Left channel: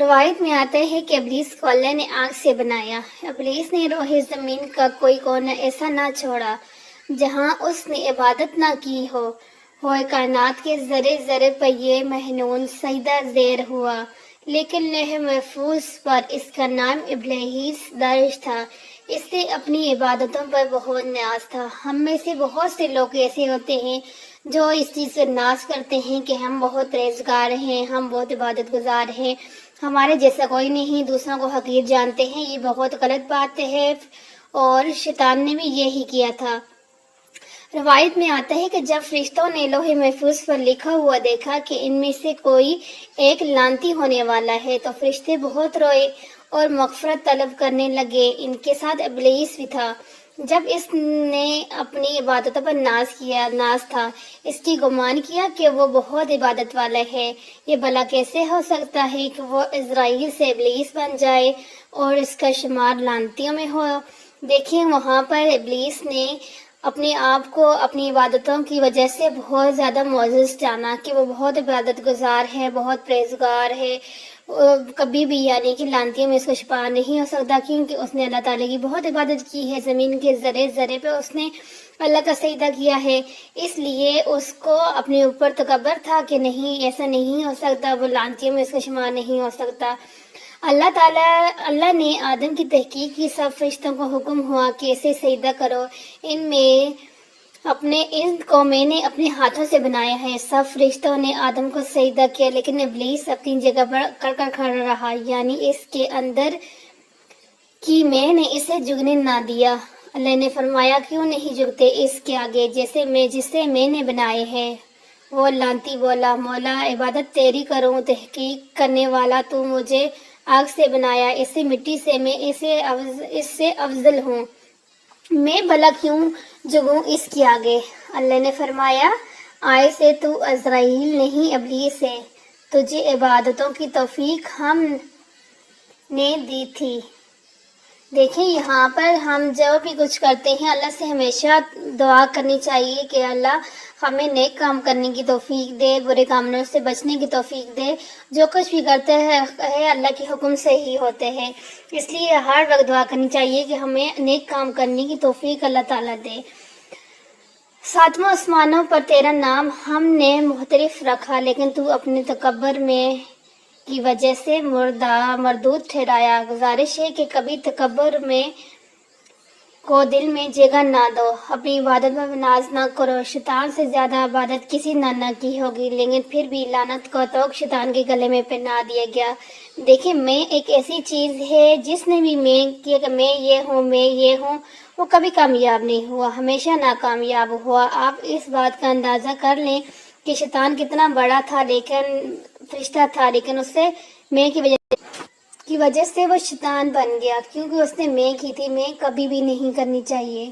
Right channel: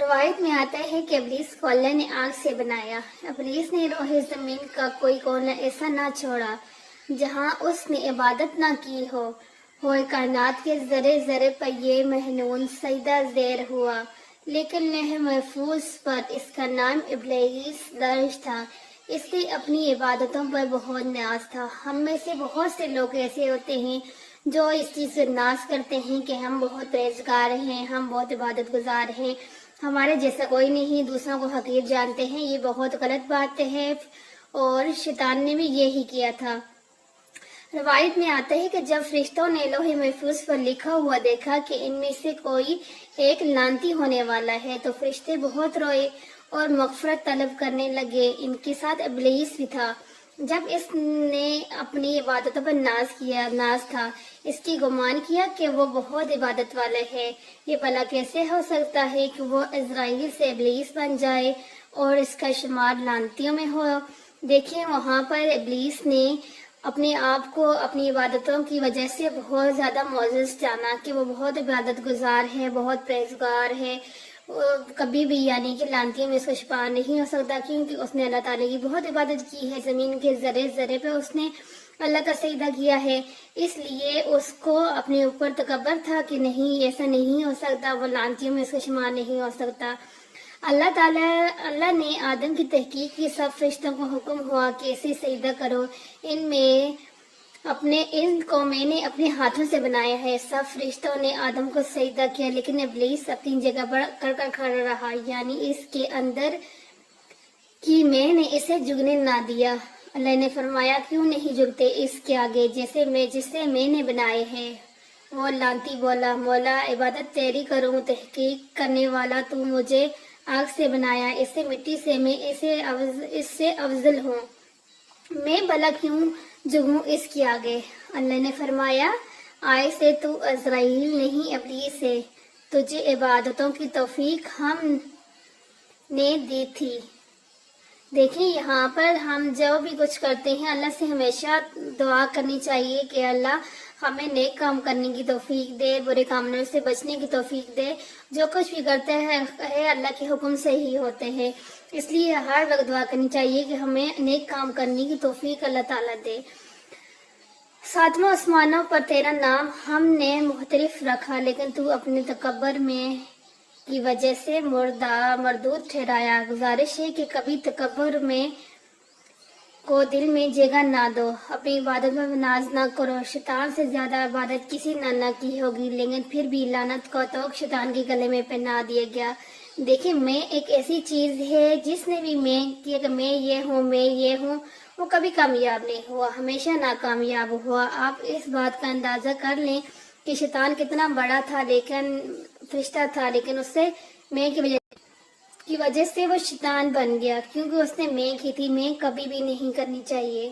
روایت میں آتا ہے کہ ابلیس کو اللہ نے آگ سے بنایا۔ ابلیس نے روح زمین کا کوئی کونا ایسا نہ چھوڑا جہاں اس نے عبادت نہ کی ہو۔ کائنات کے ذرے ذرے پر یہ محنون سجدہ زیر ہوا، لیکن لوح محفوظ پر اس کا نام ابلیس درج تھا۔ اس سے اپنی عبادتوں پر بہت نیاز تھا۔ ہم میں سے بہت سے لوگ ایسے ہوتے ہیں جو اس چیز سے ناز کرتے ہیں کہ ہم بہت پرہیزگار ہیں، ہم بہت عبادت گزار ہیں، ہمارے جیسا کوئی نہیں، دوسروں کو حقیر جانتے ہیں۔ یہ بہت غلط بات ہے اور شیطان نے بھی یہی کیا تھا۔ روایت میں آتا ہے کہ جب فرشتوں نے لوح محفوظ پر لکھا ہوا دیکھا کہ ان میں سے کوئی ایک لعنتی ہونے والا ہے تو فرشتے بہت روئے اور مغفرت طلب کرنے لگے۔ ان کے ساتھ ابلیس بھی تھا۔ جب اس نے اپنی عبادتوں پر ناز تھا، اس کی گمان کیا کہ وہ بہت عبادت والا ہے۔ یہ بھلا کیسے ہو سکتا ہے کہ وہ عزرائیل سے ابلیس بن جائے اور اس کا شمار لعنتیوں میں ہو۔ دیکھیں، وہاں پر ابلیس نے اپنے آپ کو اپنی عبادتوں کی وجہ سے بہت زیادہ معزز جانا کہ وہ بہت عبادت گزار ہے، بہت پرہیزگار ہے۔ کبھی بھی یعنی کہ لعنتیوں میں اس کو شمار نہیں ہو سکتا، کیونکہ اس نے اللہ تعالیٰ کی بہت عبادت کی ہے۔ زمین کے ذرے ذرے پہ اس نے اللہ کا سجدہ کیا ہے، اس لیے اس کو اپنے اوپر تکبر تھا کہ نہیں، ایسا نہیں ہو سکتا، وہ لعنتیوں میں اس کا شمار نہیں ہو سکتا۔ اللہ نے آدم کی تحقیق کی، سب فرشتوں کو حکم ہوا کہ اسے سجدہ کرو، ان کو میں نے اپنے ہاتھوں سے بنایا ہے۔ سب فرشتوں نے آدم کو سجدہ کیا، لیکن ابلیس اپنی جگہ پر کر کھڑا رہا، یعنی اس کے اندر کہ میں نے اسے جھکنے نہ دیا۔ اللہ نے فرمایا، کیوں نہیں جھکتے اس کے آگے جسے میں نے بنائے ہے؟ وہ لعنتی بولا، مولا عبادت تیری کروں، تحقیق کرنے والا تو مجھے آگ سے بنایا، اسے مٹی سے، میں اس سے افضل ہوں، میں بھلا کیوں جھکوں اس کے آگے؟ اللہ نے فرمایا، آج سے تو عزرائیل نہیں ابلیس ہے، تجھے عبادتوں کی توفیق ہم نے دی تھی۔ دیکھیں، یہاں پر ہم جو بھی کچھ کرتے ہیں اللہ سے ہمیشہ دعا کرنی چاہیے کہ اللہ ہمیں نیک کام کرنے کی توفیق دے، برے کاموں سے بچنے کی توفیق دے۔ جو کچھ بھی کرتے ہیں اللہ کے حکم سے ہی ہوتے ہیں، اس لیے ہر وقت دعا کرنی چاہیے کہ ہمیں نیک کام کرنے کی توفیق اللہ تعالیٰ دے۔ ساتواں آسمانوں پر تیرا نام ہم نے محترف رکھا، لیکن تو اپنے تکبر میں کی وجہ سے مردود ٹھہرایا۔ گزارش ہے کہ کبھی تکبر میں کو دل میں جگہ نہ دو، اپنی عبادت پر ناز نہ کرو۔ شیطان سے زیادہ عبادت کسی نہ کی ہوگی، لیکن پھر بھی لعنت کو تو شیطان کے گلے میں پہنا دیا گیا۔ دیکھیں، میں ایک ایسی چیز ہے جس نے بھی میں کیا کہ میں یہ ہوں، وہ کبھی کامیاب نہیں ہوا، ہمیشہ ناکامیاب ہوا۔ آپ اس بات کا اندازہ کر لیں کہ شیطان کتنا بڑا تھا، لیکن فرشتہ تھا، لیکن اس سے میں کی وجہ سے وہ شیطان بن گیا، کیونکہ اس نے میں کی تھی۔ میں کبھی بھی نہیں کرنی چاہیے۔